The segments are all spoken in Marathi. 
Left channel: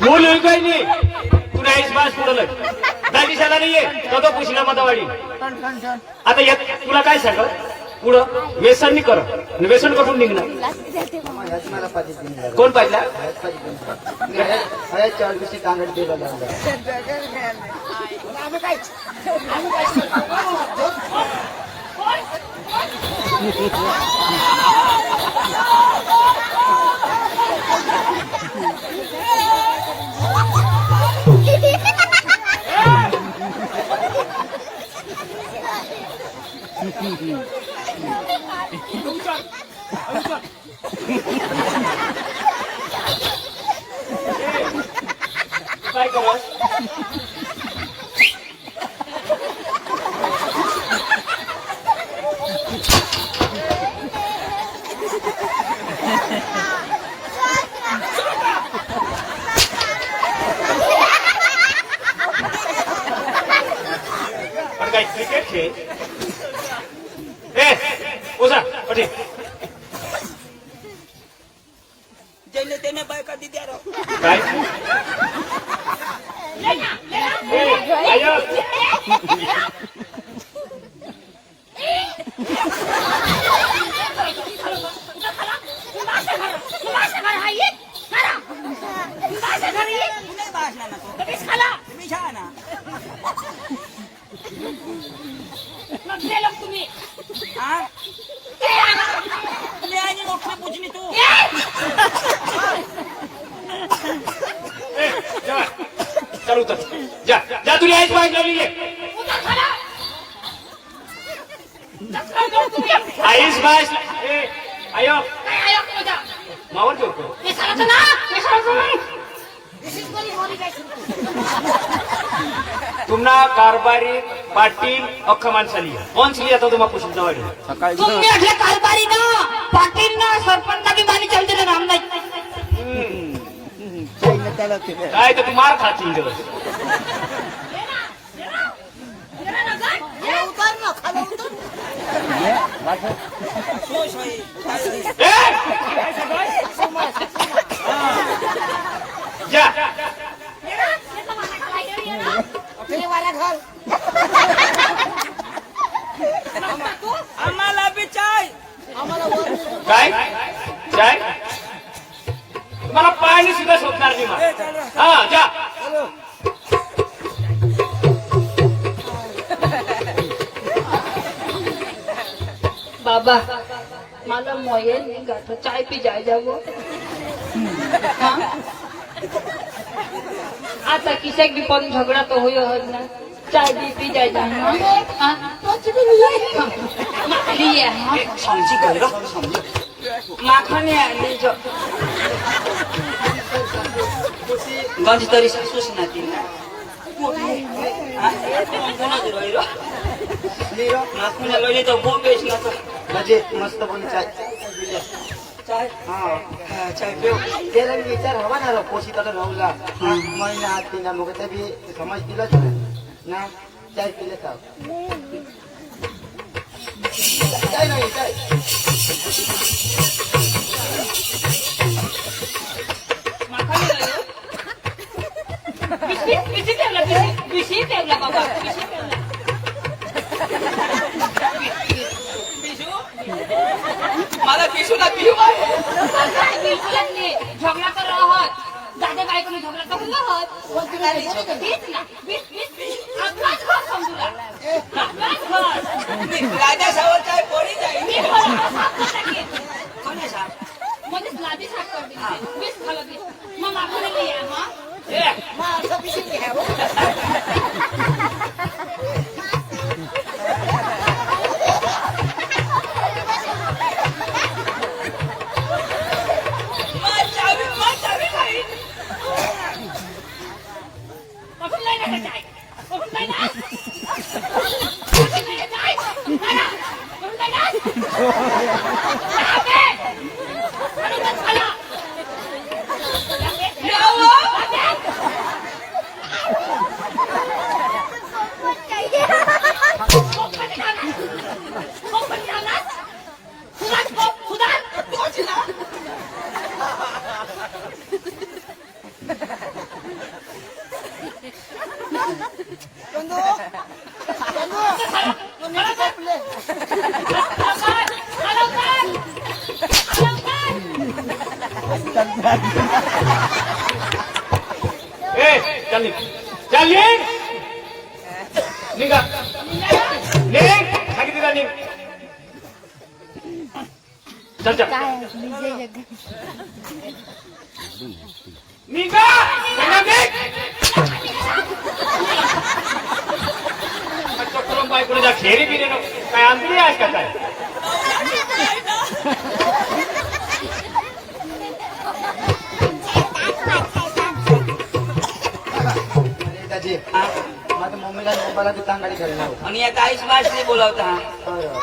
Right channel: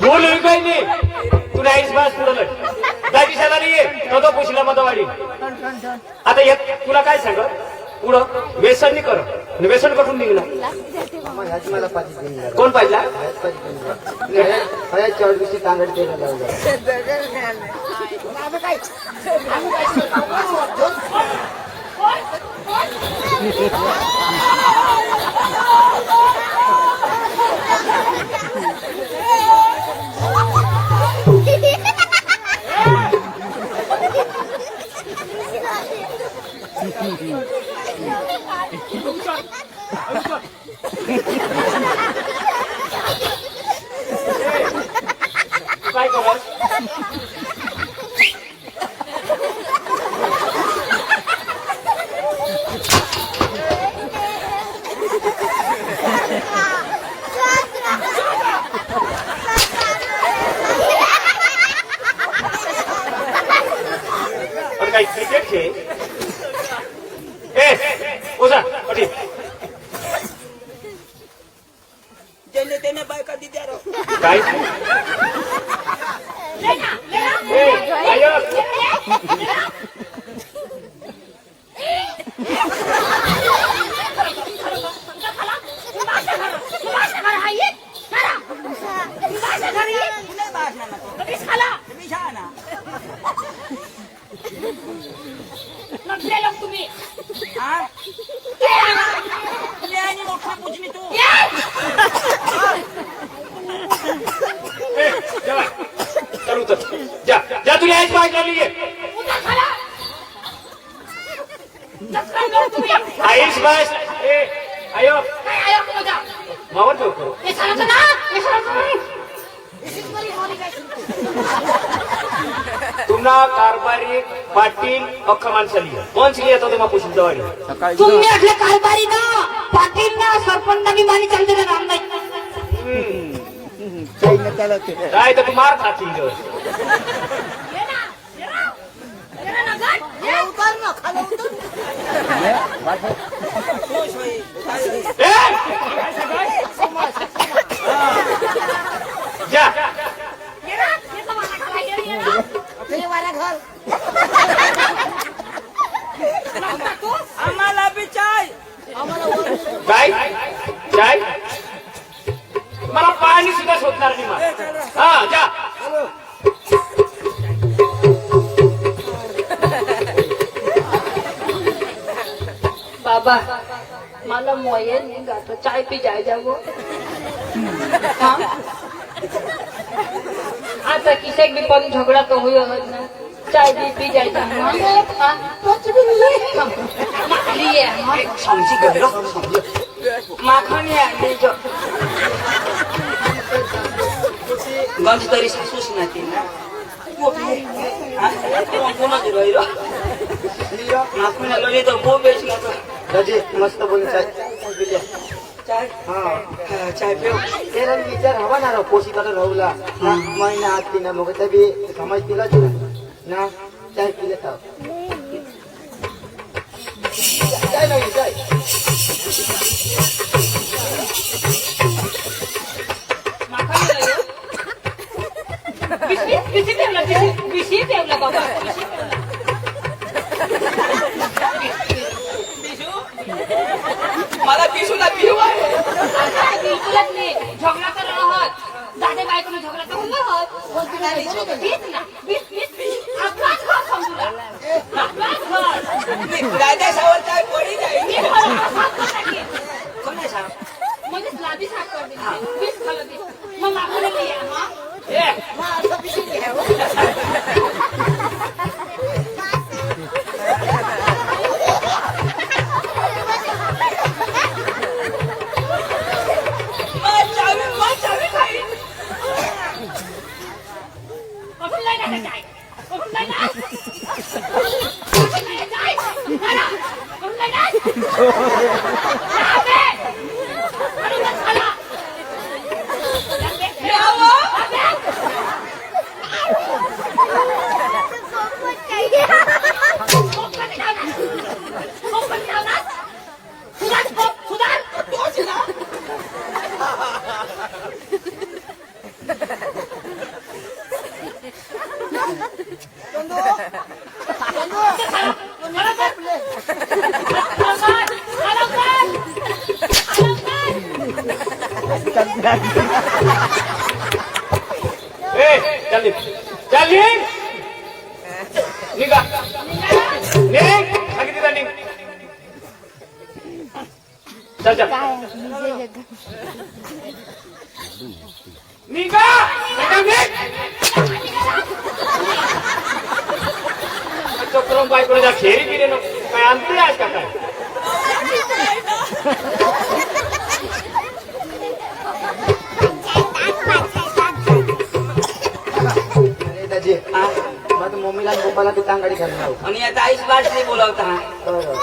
बोल काही नाही तू नाहीस बस पुढं काय दिसायला नाहीये तो पुशीला मता वाढी आता यात तुला काय सांग पुढं व्यसन नाही करत व्यसन कठून निघणार कोण पाहिजे काय करत पण काय क्रिकेट खेळ ओझा पाटील त्याने बायका दिद्या काय तुम्ही चालू तर जा जा तुला यायची बाईक लावली आईस बस आयो मावर करो तुम्हाला कारभारी पाटील अख्खा माणसाली कोण लिहिली आता तुम्हाला कुशीलचा वाडी सकाळी कारभारी ना पाटील ना सरपंच ना मानी चालते ना नाम नाही काय तर तू मार खातील आम्हाला बी चाय काय काय मला पाणी सुद्धा शोधणार नाही मग हा जा बाबा मला मोये नहीं गाता चाय पी जाए जाओ हाँ आता किसे भी पग झगड़ा तो हुई हो ना चाय भी पी जाए जाओ लिए सांगची कर माखनी आली जो गंज तरी सासूस नाही ना नाचमेला लगे तो बहुत बेच गया तो गजे मस्त बोली चाय चाय पे केरळ विचार हवा ना पोशी तर राहुला महिना आत तिना मग तरी समाज दिला ना चाय पिले तर चाय नाही चाय बिशी ठेवला बाबा बिशी ठेवला मला पिशूला पिऊ आहे बिलकुलच नाही झगडा तर राहत दादा बायकोने झगडा करून राहत तेच ना आपलाच घर समजूला आपलाच घर राजा सावर काय पडी जाईल म्हणजे लादी साफ कर दिली बीस खाला बीस मग मागवले नाही हा चल निघा निघ सांगितलं निघ चल चल निघा करून बायकोला जा खेरी बिरी नको काय अंतरी आहे का काय अरे दाजी माझ्या मम्मीला आणि पप्पाला ती तांगाडी करणार आणि आता आईस बास नाही बोलावता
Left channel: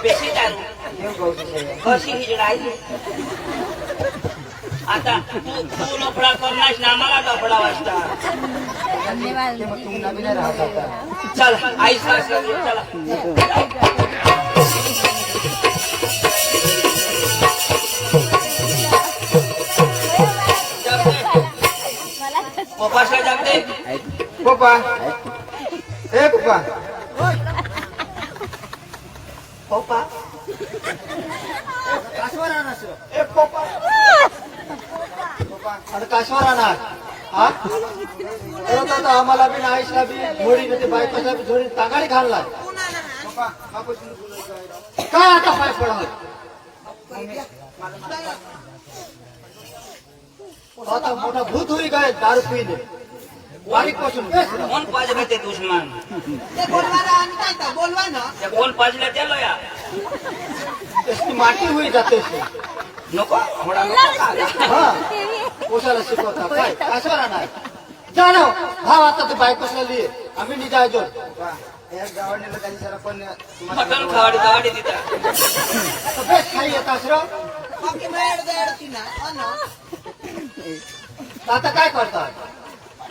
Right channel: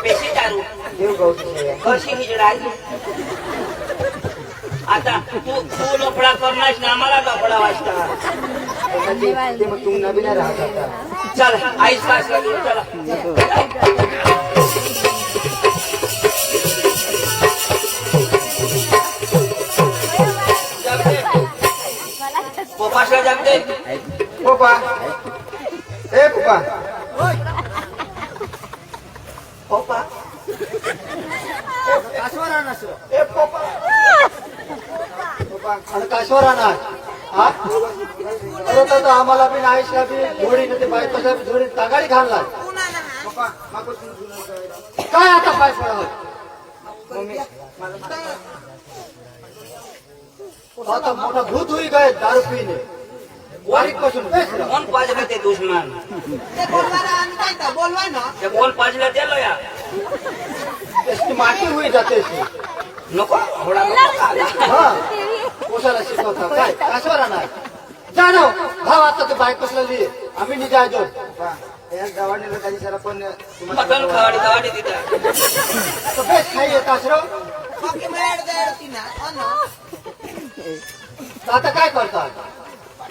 पेशी दारू देव गौची सेवा कशी हिजडाई आता तू लफडा करणार ना आम्हाला लफडा वाजता ते मग तुम्हाला बी नाही राहत आता चल आईस बास चला पप्पाशा जाते पप्पा ए पप्पा पप्पा कासवा राहणार ए पप्पा पप्पा आणि कासवा राहणार हा अरे तो आम्हाला बी आयुष्या बी झोडी ते बायकोचा बी झोडी तागाडी घालणार पप्पा काय आता पाय पडणार आता मोठा भूत होई काय दारू पिणे वाईट पासून कोण पाजलं ते दुश्मन बोलवा ना ते कोण पाजलं ते लोया त्याची माती होई जाते नको थोडा नको हा कोशाला शिकवता काय कासवा राहणार जाणो भाव आता ते बायकोसला लिहि आम्ही निघायचो या गावाने लोकांनी जरा पण मटन खावाडी खावाडी तिथं बेस्ट खाई येतात राव बाकी मिळायला ना आता काय करतात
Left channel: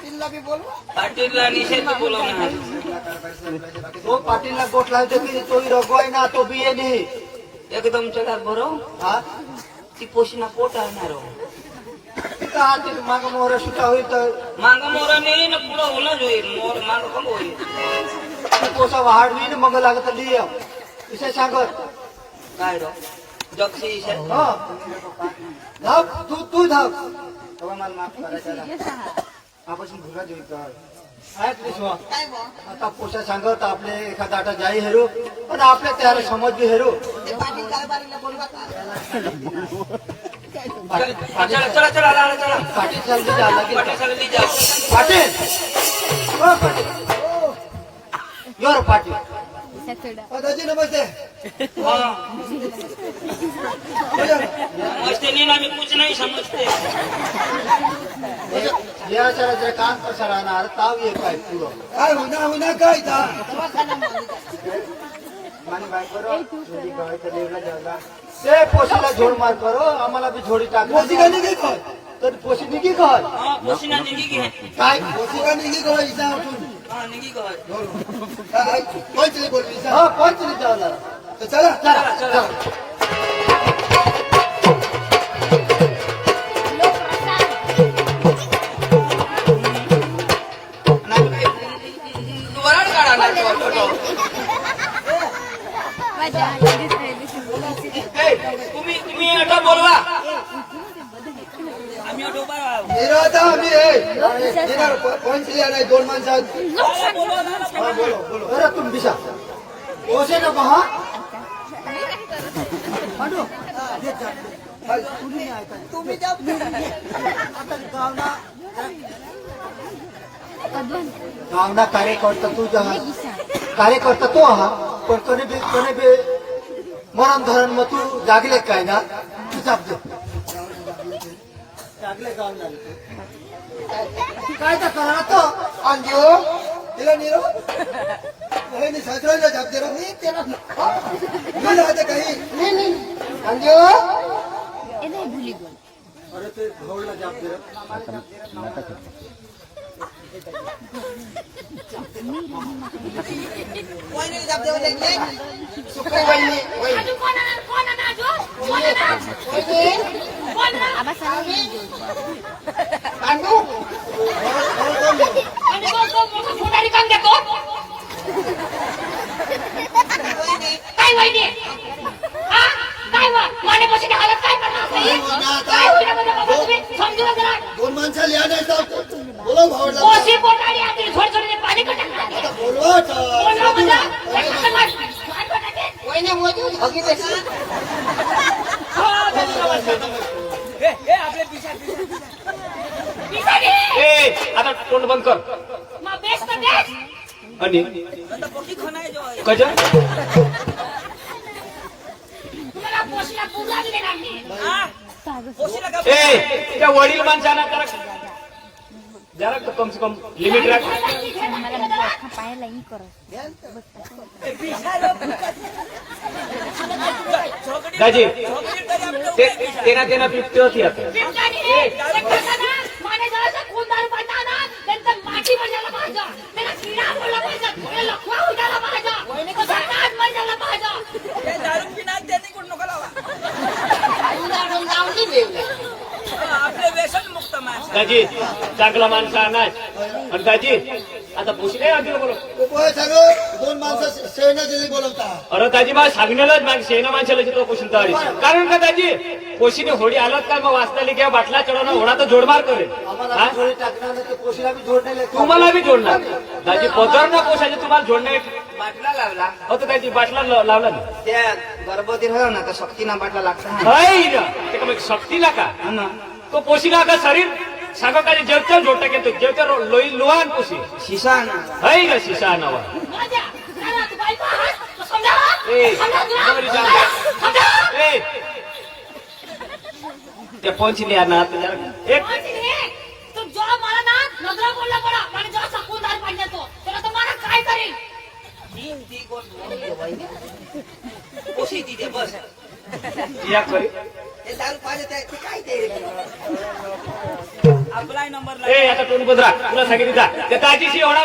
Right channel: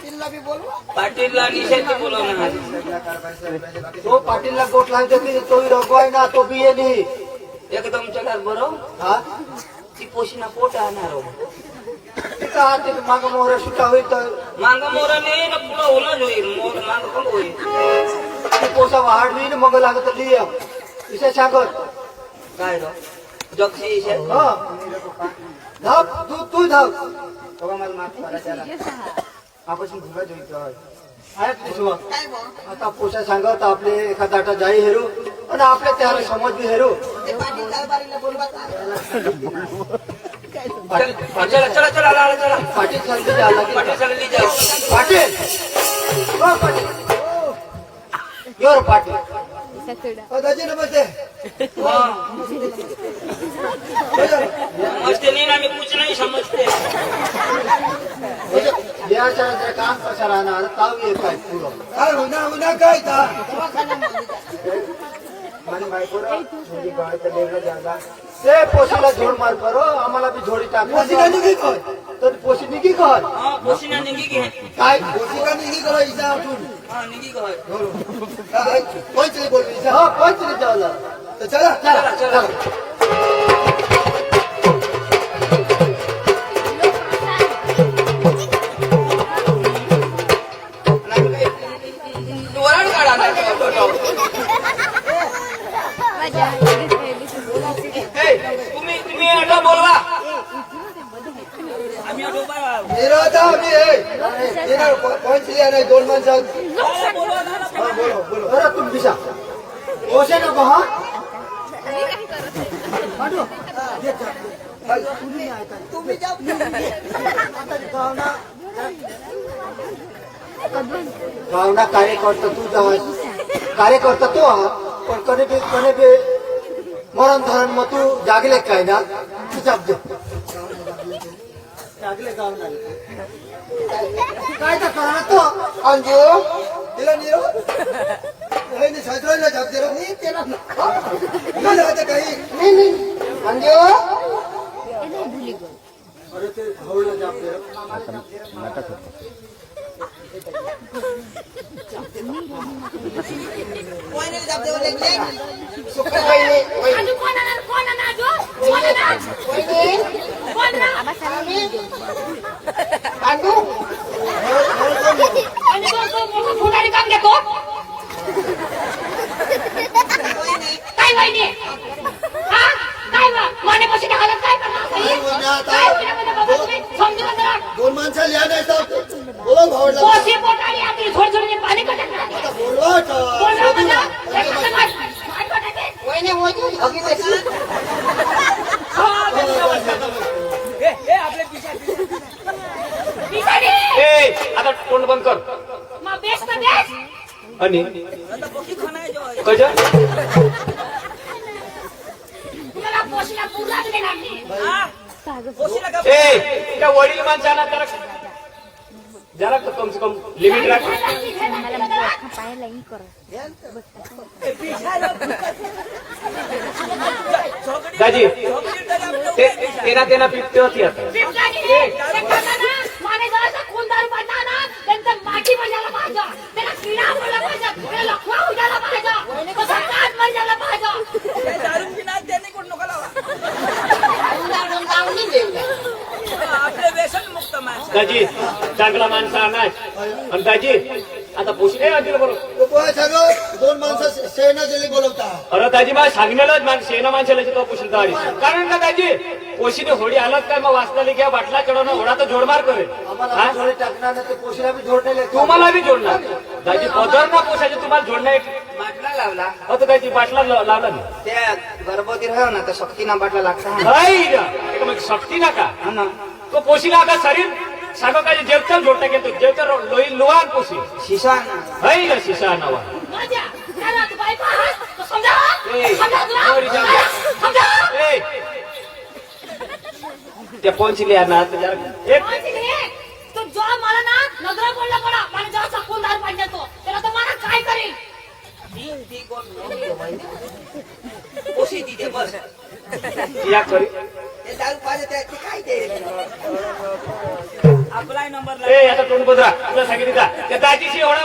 तिला बी बोलवा पाटीलला निषेध बोलवणार तो पाटीलला गोट लावतो की तोही रोगवाय ना तो बी नाही एकदम चढार बरं हा ती पोशीना पोट आणणार का ते माग मोहर सुटा होईल तर मांग मोराने ना पुढं होणार होईल मोर मांग पण होईल ते पोसा वाढ होईल मग लागत लिह इथे सांगत काय जगशी इशे हा धक तू धक बाबा मला माफ करायचा आपण भुला जोई काय बो आता पोसा सांगत आपले एखादा आटा जाई हेरू आणि आपले त्याला समज बी हेरू ते पाटील कारभारीला बोलवा का चला चला चला चला चला पाटील चालली झाला पाटील चालली जा पाटील हो पाटील योर पाटील दाजी नमस्ते समजते नहीं ना मी कुछ नहीं समजते याच्या काम कसं राहणार ताव ये काय पुढं काय होईना काय माझी बायको थोडी गाडी तर वेगळं जागा ते पोशीला झोड मार करो आम्हाला बी झोडी टाक पोशी का निघी कर तर पोशी निघी कर हाँ पोशीना निघी घे काय पोशी का निघी कर इजा उठून हाँ निघी घर कोण तरी बोल इजा हा कोण तरी चावला तर चला चला चला वराड काढा ना तुम्ही आता बोलवा मेरा आता आम्ही येणार पंचली आणि दोन माणसं हा बोलो बोलो अरे तुम दिशा पोशे नको हा पाठव तुम्ही जाऊ गावना कार्यकर्ता तू जवळ कार्यकर्ता तो हा पण कोणी बी मरण धरण मग तू जागले काय ना तू जाग दे जागले गावना काय तर करा ना तो अंजू तिला निरो नाही सासरायला जात जरा मी त्याला नाही राहते काही नाही अंजू अरे ते भाऊला जाग दे कोण नाही जाऊ देऊ देखले सुट्ट्या पाहिजे आणि कोण आणणार जो कोण पांडू आणि कोण कोण मोठा फोडारी काम देतो दोन माणसाला या नाही तर बोला भावडला पोशी पोटाली आतली थोडी थोडी पाणी कटक आता बोलवा शोधू ना वहिनी वहिनी बघितलं ए आता तोंड बंद कर मग बेस तर बेस आणि कज तुम्हाला पोशीला पूजा दिली नाही ए त्या वडील माणसाने त्याला जरा कम से कम लिमिट राख दाजी तेरा तेना पिकते होती आता माने जरा कोण दारू पाडता ना त्यांचं माठी बजायला पाहिजे त्याला किडा पडला पाहिजे त्याला लखवा उडायला पाहिजे कसं काट मजायला पाहिजे दारू पिणार त्याने कोण नको आपले व्यसन मुक्त माणसं दाजी चांगला माणसा नाही पण दाजी आता पोशी नाही आधी बोलव तो पोहे सगळं दोन माणसं सेना गेली बोलवता अरे दाजी मला सांगण्यालाच शेणा माणसाला तो पोषण तयारी कारण का दाजी पोशीने होडी आलं काय मग वाचनाली किंवा बाटला चढवणं होडा तर जोडमार करेल आम्हाला हा? थोडी टाकणार नाही, ते पोशीला बी जोडलेले तुम्हाला बी जोडणार दाजी पदर ना पोशाची तुम्हाला जोडणं एक बाटला लावला हो तर दाजी बाटला लावला ना त्या गर्भवती राहा ना तर शक्तीना बाटला लागता नाही एक शक्ती ना का तो पोशीला का शरीर सागाकाली जेवतं जोडता घेतो जेवतं लोही लोहान पोशी शिसा है ना शिसा नावा राजा त्याला तू बायको आहेस तो समजा ए समजा तुला? बरी जा. समजा ए त्या पोंची लिहा ना आता जरा एक कोणची रे? तो जो मला ना नजरा बोलला पडा मला जेव्हा सकून दार पाडला तो त्याला तर मला काय करेल पोशी तिथे बस या करू हे दारू पाहिजे त्याचे काय ते आपला नंबर ए आता तोंड बदला तुला सांगितलं का त्या ताजीशी एवढा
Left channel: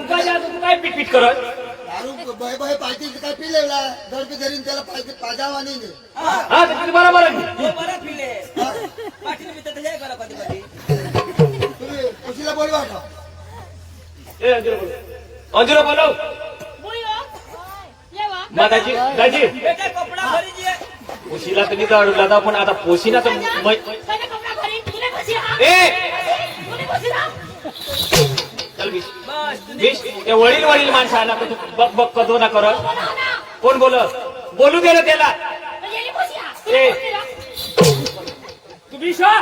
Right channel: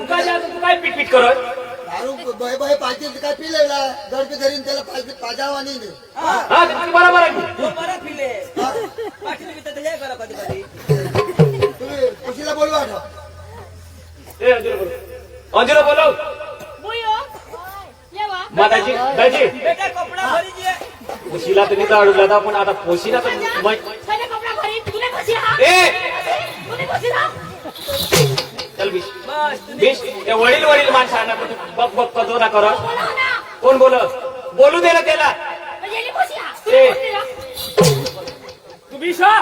उगा जा तू काय पिटपिट करत दारू बय बय पाहिजे काय पिलेला दर्द धरीन त्याला पाहिजे पाजावा नाही नाही. हा तुझं बरोबर आहे बरा पिले पाठीला मी त्याला करा कधी कधी तुम्ही पोशीला बोलवा ना. ए अंजूला बोलाव बुयो ये वा मग दाजी बेटा कपडा भरी जे पोशीला तुम्ही तर अडवला पण आता पोशीला तर माझ्या कपडा घरी तुने कशी हा ए तुने कशी ना चल बिश बिश त्या वडील वडील माणसं आहे ना तू बक बक कजो ना कर बोला ना कोण बोलत बोलू दे ना त्याला येली कशी हा ए. तुने कशी हा तू बिशा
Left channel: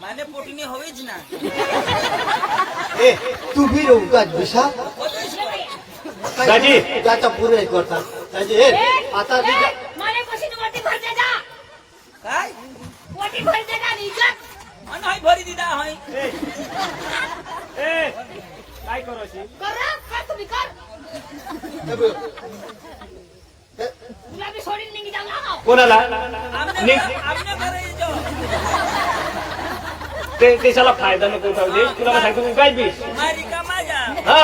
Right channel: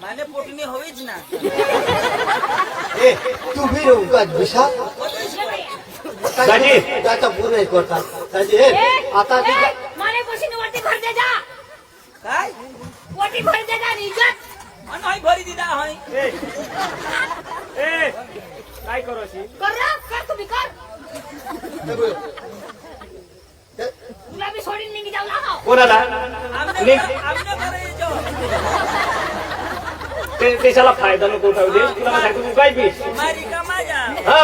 माने पोटणी होईच ना ए तू बी राहू का विशा दाजी आता पुरे करतात दाजी ए आता ते माने कशी न वाटी भर दे जा काय वाटी भर दे जा निजत आणि हाय भरी दिला हाय ए काय करू अशी कर रे, कर तुम्ही कर तुला बी सोडून निघी जाऊ ना कोणाला निघ. आमने भरी तो ते देशाला फायदा नको उठावू दे तुला सांगतो तू काय बिश माझी का माझ्या हा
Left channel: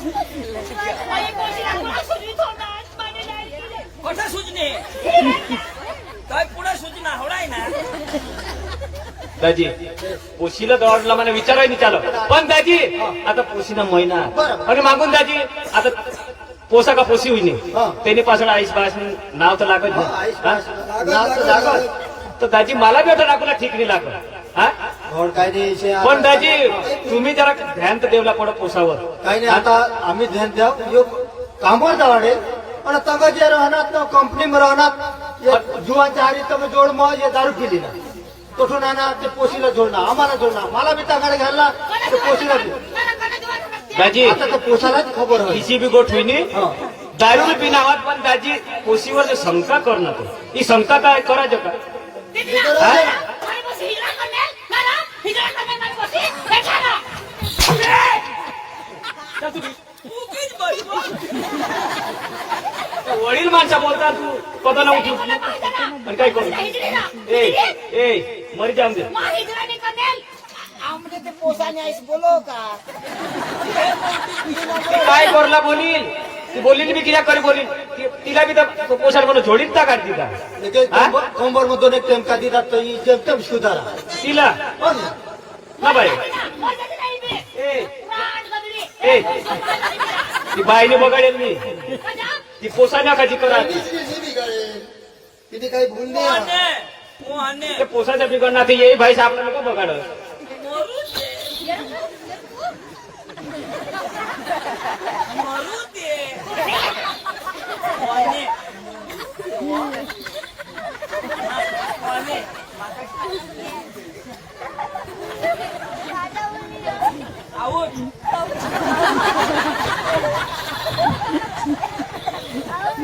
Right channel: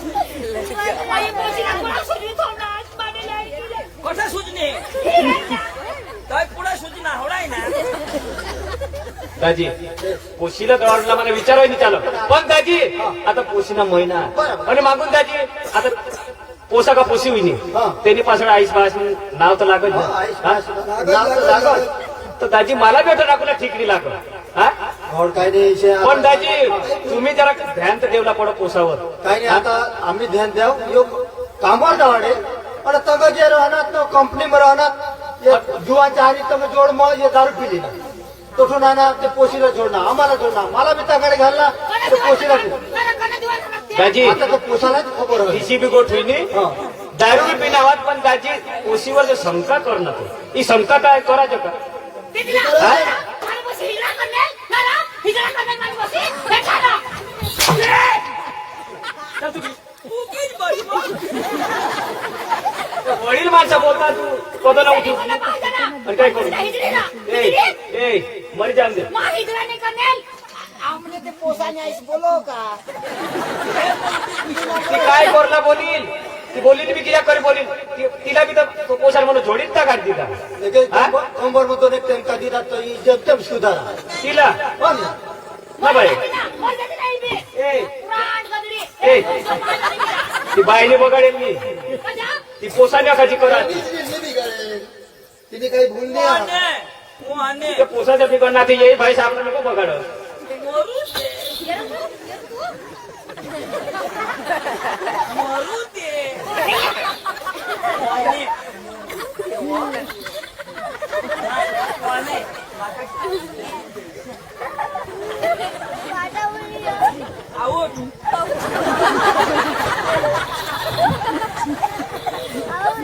आई पोशीला तुला सोडून सोडणार पाडीला आई तुले. कसं सुजणे काय पुढे सुजना होणार ना दाजी पोशीला दौडला मला विचारायला विचारलं पण दाजी आता पोशीना महिना आणि मागून दाजी आता पोसा का पोशी होईनी त्यांनी पासून आईस बास नाव तर लागत नाही. हा? तर दाजी मला भेटा लागला ठीक नाही लागत हा और काय नाही इशे पण दाजी तुम्ही जरा ध्यान तर देवला पुढं पोसावर काय नाही आता आम्ही ध्यान द्याव यो कामावर जावाडे पण तगा जे राहणार कंपनीमध्ये राहणार जुवांच्या हारी तुम्ही जोड मग हे दारू पिली ना तसून आणा ते पोशीला जोडणार आम्हाला जोडणार मला बी तगाडे घालणार ते पोशीला दाजी आता पोसालाच खबर होईल किसी भी गोठ हुई नहीं दारू पिनावत पण दाजी पोशीवर जो शंका कर नको ही शंका काय करायचं का माने पोशी हिजरा करणे ना रा हिजरा करणे माने पोशी देखा ना उगीच बसलो वडील माणसं बोलतात तू कधी ना उठी मला पाहिजे ना आणि काय करू हिजरी ना ए ए मर जाम दे मग हिजरा नाही करणे आमने ते पोसाने आईस बोलो का ती काय करला बोलील ती बोलली मी किया करी बोलील तिला बी तर पोषण म्हणून जोडीत का काढ दिला कंबर मधून एक टेमका दिला तर जमतेम सुधारा तिला पण ना बाई मग जाते नाही बे ए प्राण गदरी ए ती बाईने बघाडेल मी ती पोसा नकाची करा तिने काही भूल नाही माने ते पोसाच्या बिघड ना ते येई भाई साहेब नको बघाड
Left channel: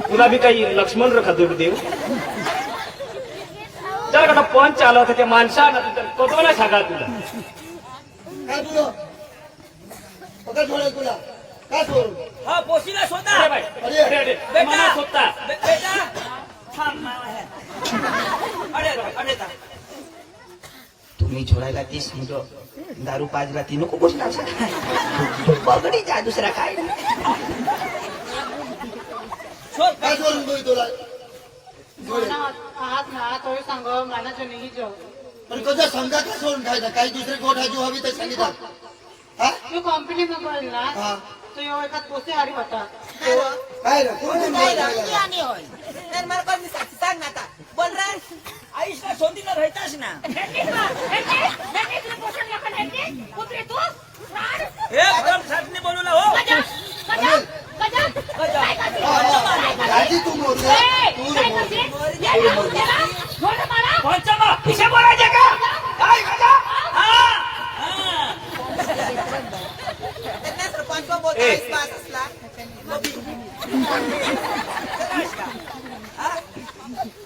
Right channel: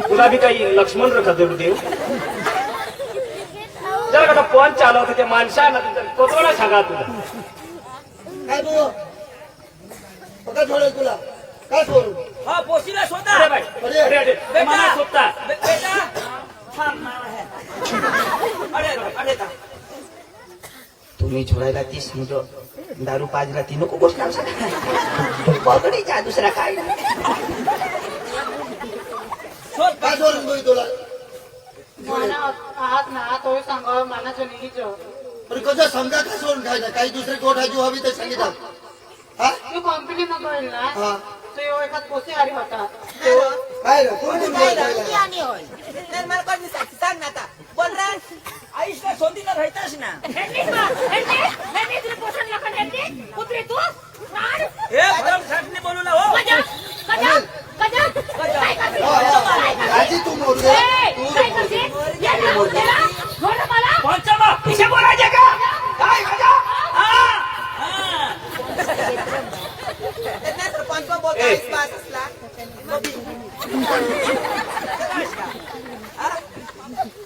तुला बी काही लक्ष्मण रखा देऊ जरा का फोन चालू होता त्या माणसाला कोतवाला सांगा तुला काय तू पका सोडेल तुला काय सोडून हा पोशीला शोधा अरे बाई अरे अरे मला शोधता बेटा अरे तुम्ही झुलायला 30 मिनिटं दारू पाजला ती नको गोष्ट बघणे जा दुसरा काय नाही. काय सोडून बोल तुला आहात ना तो सांग मानाचं नाही पण कसं समजा काय सोडून खायचं काही दुसरी गोठ हजू हवी तर सांगितलं हा तू कंपनी मध्ये ना हा तो एखाद पोसे आली होता काय रे कोण कोण बोलायला? तर मला कोण विचारते सांग ना आता बोल रे आईशला सोडीला राहतास ना पोषण लागत ह्यांनी कुत्रे तू राड हे एकदम साठने बोलू ना हो राजी तू मोरले पंचामा पिशा बोलायचे का काय गजा? नंतर कोण कोण बोलतो पास असला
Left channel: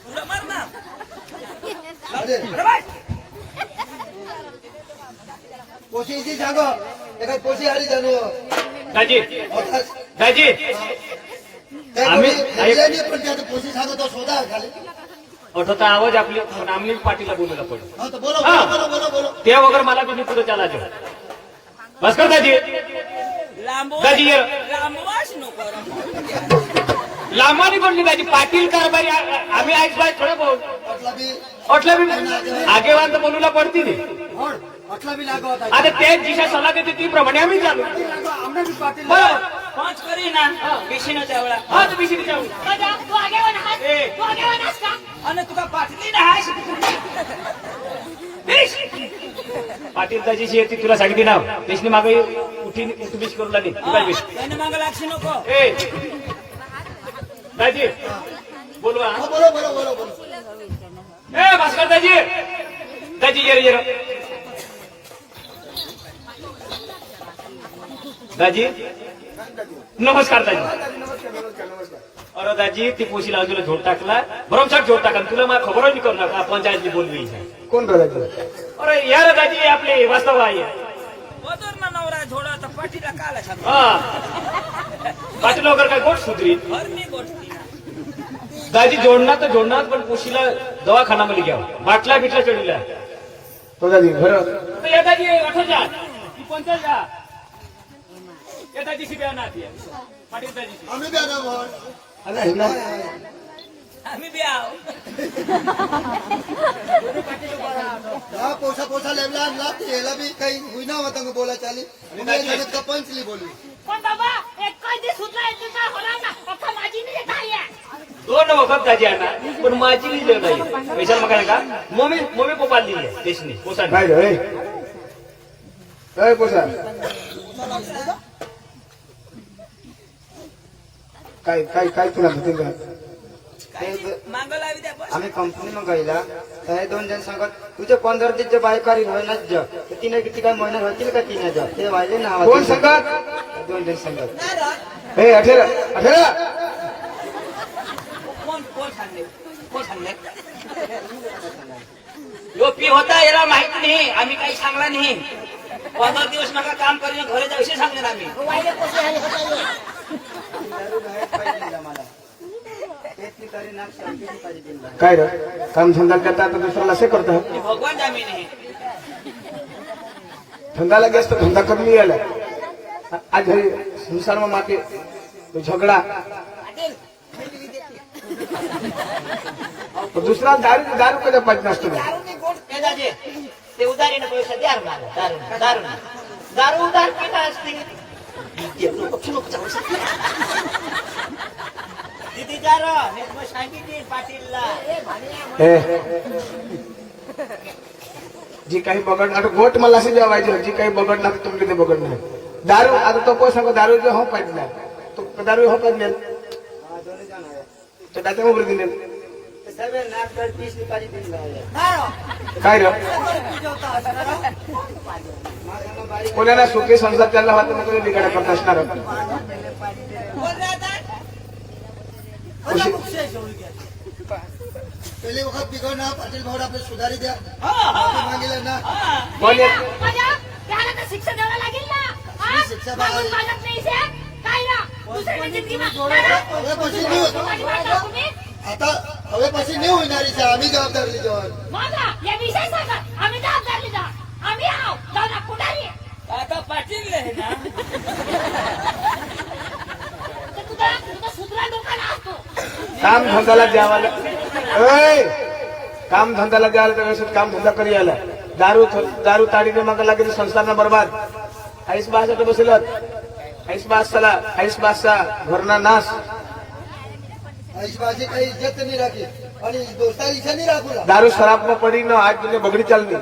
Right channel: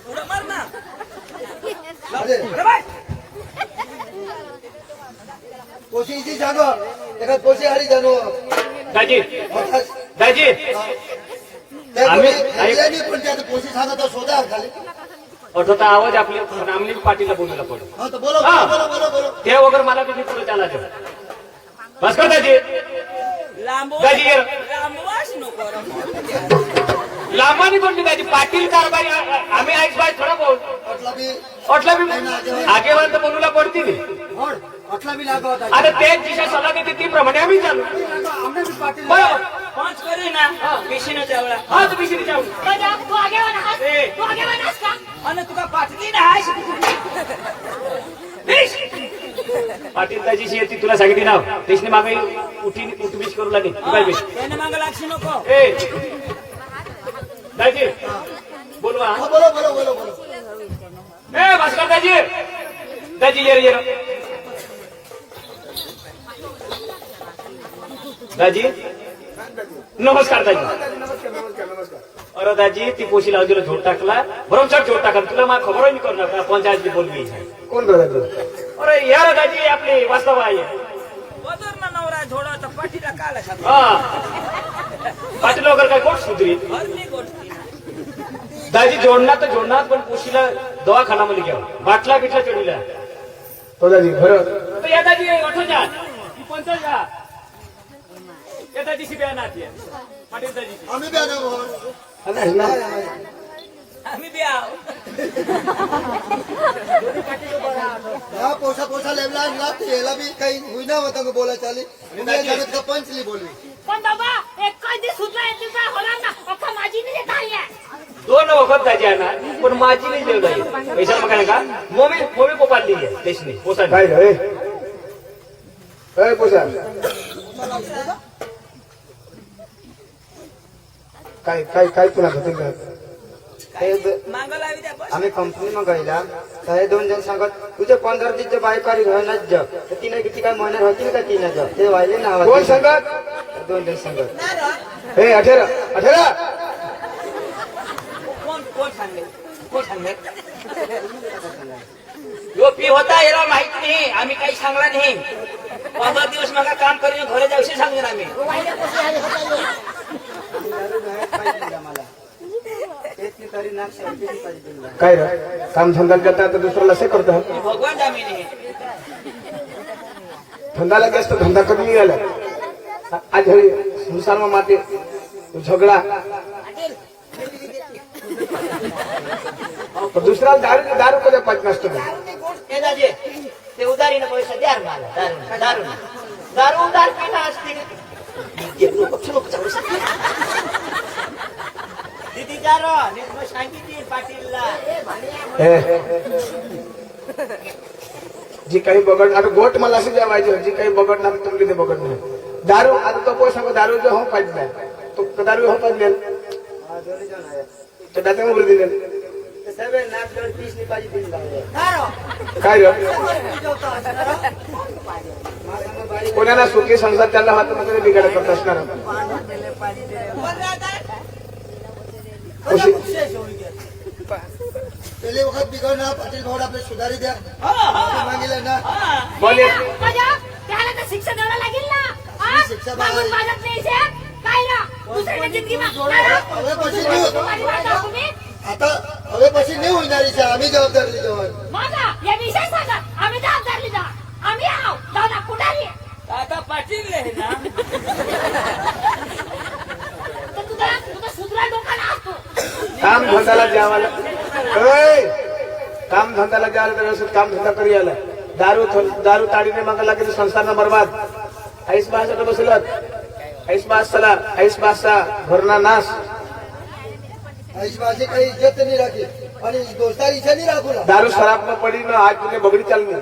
उडा मार ना अरे अरे बाई पोशीची सांग एका पोशी हारी जाणो दाजी दाजी पण त्यात पोशी सांगत शोधा खाली अठोटा आवाज आपले रामलिंग पाटीलला बोलूला पडतो हा तर बोलो बोलो बोलो बोलो बोलो ते वगैरे मला तुम्ही पुढे त्याला द्या बस का दाजी दाजी लांबवास नको लांबानी बोलली दाजी पाटील कारभारी आम्ही आज बाय खरं बोल अटला बी अटला बी आगेवान तर बोलूला पडतील अटला बी लागो होता आता ते जिशा सल्ला देते ती प्रमाणे आम्ही चालू आमना बी पाटील पाच करी ना बेशीनो त्यावळा हा तर बिशिरी जाऊ तू आगेवान आहात ए. तू आगेवान आहेस का आणि तुका पाटली ना पाटील दाजीशी येते तुला सांगितली ना देशने मागे उठीच करू लागेल तू काय बेश त्याने मागं लागशी नको ए दाजी बोलवा हा बोलो बोलो बोलो बोलो ए भास्कर दाजी दाजी ये रे दाजी नमस्कार दाजी नमस्कार नमस्कार नमस्कार अरे दाजी ती पोशी लावून तुला झोड टाकला भरमसाठ झोड टाका तुला मला खबर नाही करू नका पंचायतची बोलवी कोण बोलायचं अरे यार दाजी आपले वास्तव आहे बदर ना नवरा झोडा तर पाठीला काला सांग हा पाटील वगैरे काय गोष्ट सुधरी हरली गोष्टी दाजी जोडणार पण पोशीला दवाखान्यामध्ये घ्या बाटला बिटला चढीला दादी बरं तर या दाजी अठो जा ती 50 जा या दाजी शिब्या नाती पाटील दाजी आम्ही बी आना बोल आम्ही द्या हा पोसा पोसा लेवला आणला याला बी काही होईना होता का बोला चाली जगत का पंचली बोलवी पण बाबा एक कधी सुद्धा येते का होणार ना अख्खा माझी नाही येत आहे 2 वखत दाजी आहे ना पण माझी नाही जेवढा आहे पैशाला काय का मोमी पोपाली आहे देशने पोसा काय पोसा काय काय काय तुला मागं लावी द्या बस आम्ही कंपनीમાં ગયેલા ત્યારે 2 જણ सांगत तुझ्या 15 दिवस बायकारी राहणार जा तर तिने किती काय महिने होतील का 3 हजार ते वाहिले नाव कोण सांगत 2 जण सांगत ना रा हे 18 कोण सांगले कोण सांगले यो पी होता याला माहित नाही आम्ही काही सांगला नाही 15 दिवस नका काम करून घरे जाऊशी सांगेन आम्ही दारू बाहेर पाहिजे आम्हाला तेच तरी नाक शेवटी पाहिजे काय रे काम धंदा करता तर दुसऱ्याला से करता भगवान जामी नाही धंदा लगे तो धंदा कर नहीं आला आज हिंसान में माते तो झगड़ा तो दूसरा दारू दारू कधी पाहिजे नसतो हे दाजे ते उधारीने पैसा द्या रे मला दारू उधार केला असते किती जार मग सांगितली पाटीलला जी काही बघड आता गोट मला असे जेव्हा पाहिजे जी काही बघडणार तुमचे ते बघड नाही दारू आता तो कोण सांगो दारू जो हो पाहिजे तो दारू हो पाहिजे तर त्याच्या मोबाईल दिले सगळे नाक 30 पाहिजे दिली काय रे कोणाला सुखी संसार त्याला हात तुम्ही बिघाड करत असणार पहिले वखत बिघडणार पाटील भाऊ आपले सुधारी द्या मागितलं ना बोले त्याला तर शिक्षा द्यावं लागेल ना हा? शिक्षा माणूस मानत नाही साहेब. काय ना दुसऱ्याच्या जिंदगीत હવે પછી નહીં तुम्ही आता હવે પછી નહીં होणारी છે आम्ही जबाबदारी घेऊ माझा या विषय सांगत आम्ही जबाबदार लिहिला आम्ही आहो जाऊ ना पुढारी आता पाटील आहे ना तर तुझा सुधरा लोकांना असतो काम धंद्याला द्यावाला काम धंद्याला द्यायला तर व्यवस्थित काम धंदा करी आला दारू ताडीने मागा लागेल संस्थांना बरबाद आईस बासा बसलात आईस बासाला आईस बासा घरना नाश आईस बासे काही इज्जत नाही राखी आणि दोस्तार इच्छा नाही राखूला दारू शराब पडी ना आज तुझे बगडी चालली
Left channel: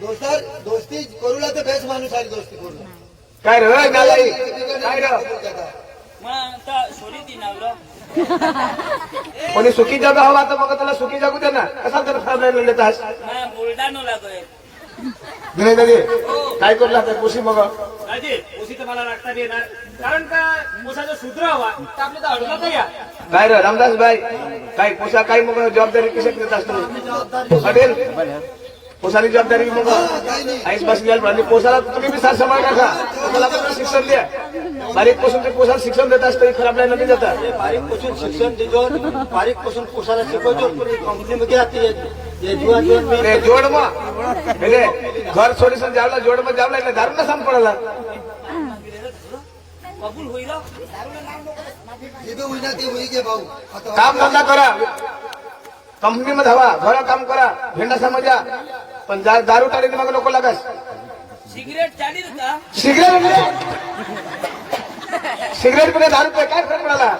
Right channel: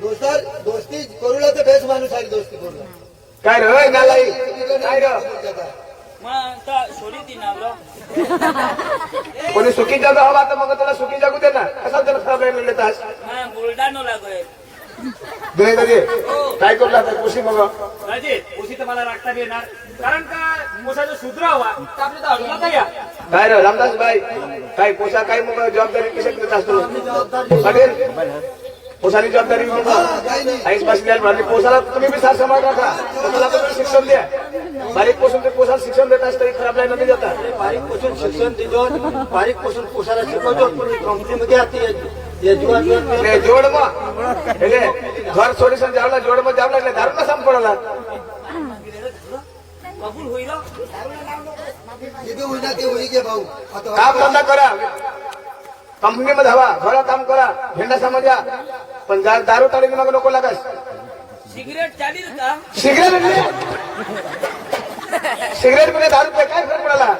दोस्तार दोस्ती करूला तर बेस माणूस आली दोस्ती करूला काय रे नालाई काय रे मग तर सोडी दिनावलं कोणी सुखी जग हवा तर मग त्याला सुखी जगू दे ना कसा तर फायदा लेतास मग बुलढाणा लागोय दिने दे काय करू लागतात खुशी मग राजे पोशी तर मला राखता येणार कारण का पोसाचं सूत्र हवा तर आपल्या तर अडूला काय काय रे रामदास भाई काय पोसा काय मग जबाबदारी कशी घेत असतो पटेल पोसानी जबाबदारी मग आईस बसल्या म्हणजे पोसाला तुम्ही बी साथ सांभाळ राखा तुम्हाला पण शिक्षण द्या बारीक पोसून ते पोसाला शिक्षण देत असतं खराब नाही जातात बारीक पोसून शिक्षण देतो बारीक पोसून पोसाला शिकवतो जोड मग घर छोडेसन जावला जोड मग जावला એટલે દારૂ ના સામ પડેલા कबूल होईल काम धंदा करा कंपनीमध्ये हवा घरा काम करा झेंडा समजा पण दारू टाळीने मग नको लागास सिगरेट चालील का सिगरेट सिगरेट पिणे दारू पे काय फरक पडला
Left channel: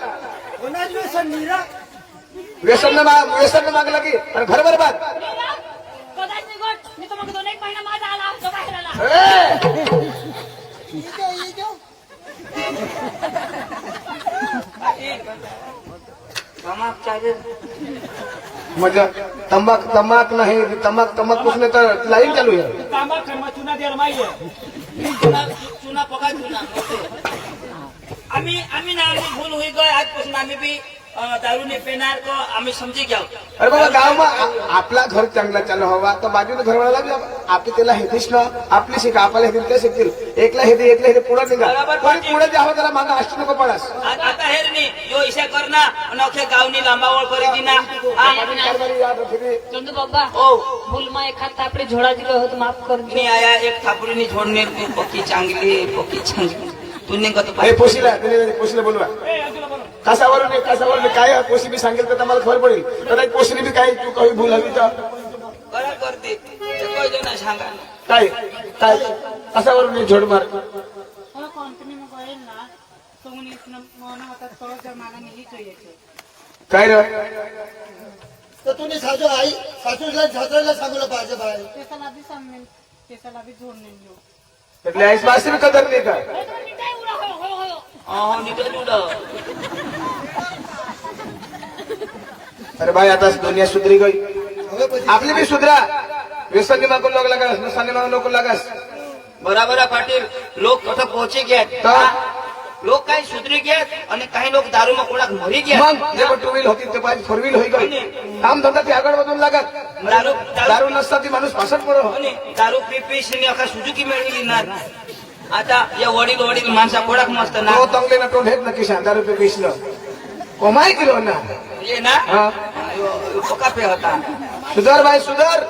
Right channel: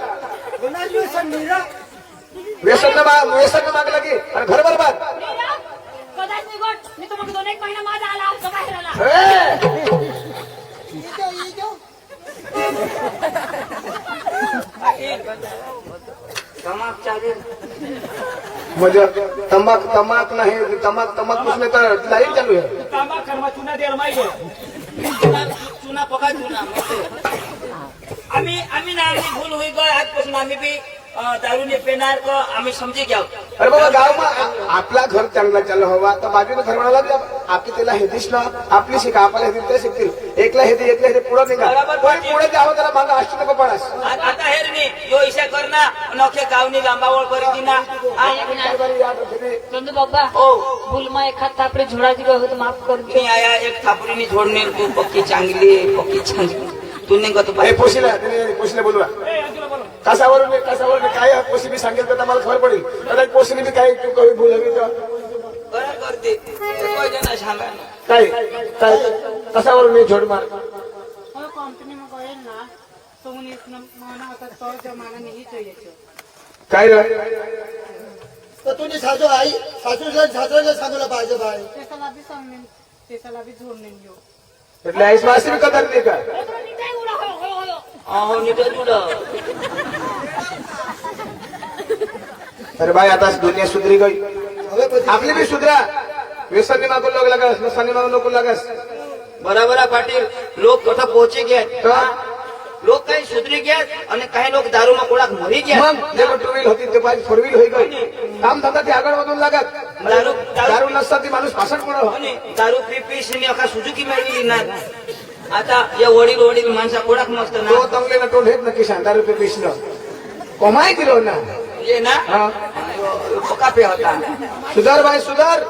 कोणाची व्यसन मीरा व्यसन मागला की अरे घर बरबाद नीरव, कदाच मी गोट मी तुम्हाला 2-1 महिना माझा आला तो बाहेर आला तमाक चालेल म्हणजे तंबाक नाही तंबाक बसले तर लाईन चालू आहे तांबा खरमा चुना द्यायला माहिती आहे चुना पका चुना आम्ही ना आम्ही भूल हुई गए आजपासून आम्ही बी दारू ने पेनार को आम्ही समजी घ्या अरे बघा गावात आपला घर चांगला चालू हवा तर बाजूला घरवाला बी आपली त्याला हेतीस ना आपली शिका आपल्याला हेती ते शिकतील एकला हेती पुढे निघा कोणी पुढे जे हवं त्याला मागा अशी नको पडास आता हेर नी यो इशा करना आणि अख्या गावनी लांबावळ करी दिना चंदू बाबा ओ भूलमा एखाद थापडे झोडा दिले होते माफ करून मी आया एक थापरीनी जोडणे तू पक्की चांगली तू निघत हे पोशीला बोलवा कसावरून काय पोशी बी सांगेल तर तुम्हाला खबर पडेल तर पोशीने बी काही काही भूल हवी तर बरं करते जण सांगा ना काय काय कसावरून झोड मार और कंपनी में गए ना तो उन्हें इतना माना होता तो जमाना नहीं चाहिए था काय रे तर तुम्ही सासू आई सासूला सांगूला पाहिजे बाय त्याला भी सांगणे त्याला भी जोडणे घेऊ એટલે આઈસ માસી બી કદર નહીં કર निघाय उडा हो अहो निघत अरे भाई आता दुनिया सुधरी गई आपली बी सुधरा व्यसनी मागू लागास नसाने मागू नको लागास बराबर आहे पाटील लोक कथा पोहोचे घ्यात लोक काही सुधरी घ्यात आणि काही लोक दारूमा कोडाक मरी घ्यात मग जे 2 व्हील होती ते पाहिजे 4 व्हील होई गई काम धंदा ते आगळ मधून लागत दारू नसता ती माणूस पासट पडो आणि दारू पिशीने अका सुजुकी मिळली ना आता या वडील माणसा कोडाक मस्त ना तो तंगले ना तोंड हेत ना किसान दारू पे पिसलं कमाई किलो ना ये ना हा पका पे होता सुधार भाई सुधार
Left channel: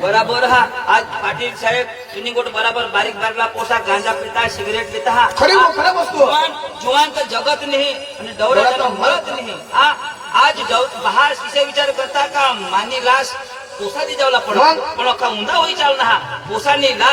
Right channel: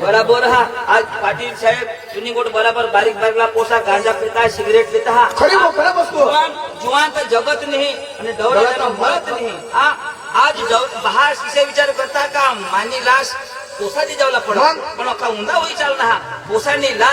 बराबर हा आज पाटील साहेब सुनीगोट बराबर बारीक बारीकला पोसा गांजा पिता सिगरेट पिता हा खरी वस्तू जुवान तर जगत नाही आणि दौऱ्याला मरत नाही हा आज बहास विषय विचार करता का मानी लास पोसा दी जावला पण अख्खा उंदा होई चालना हा पोसानी लास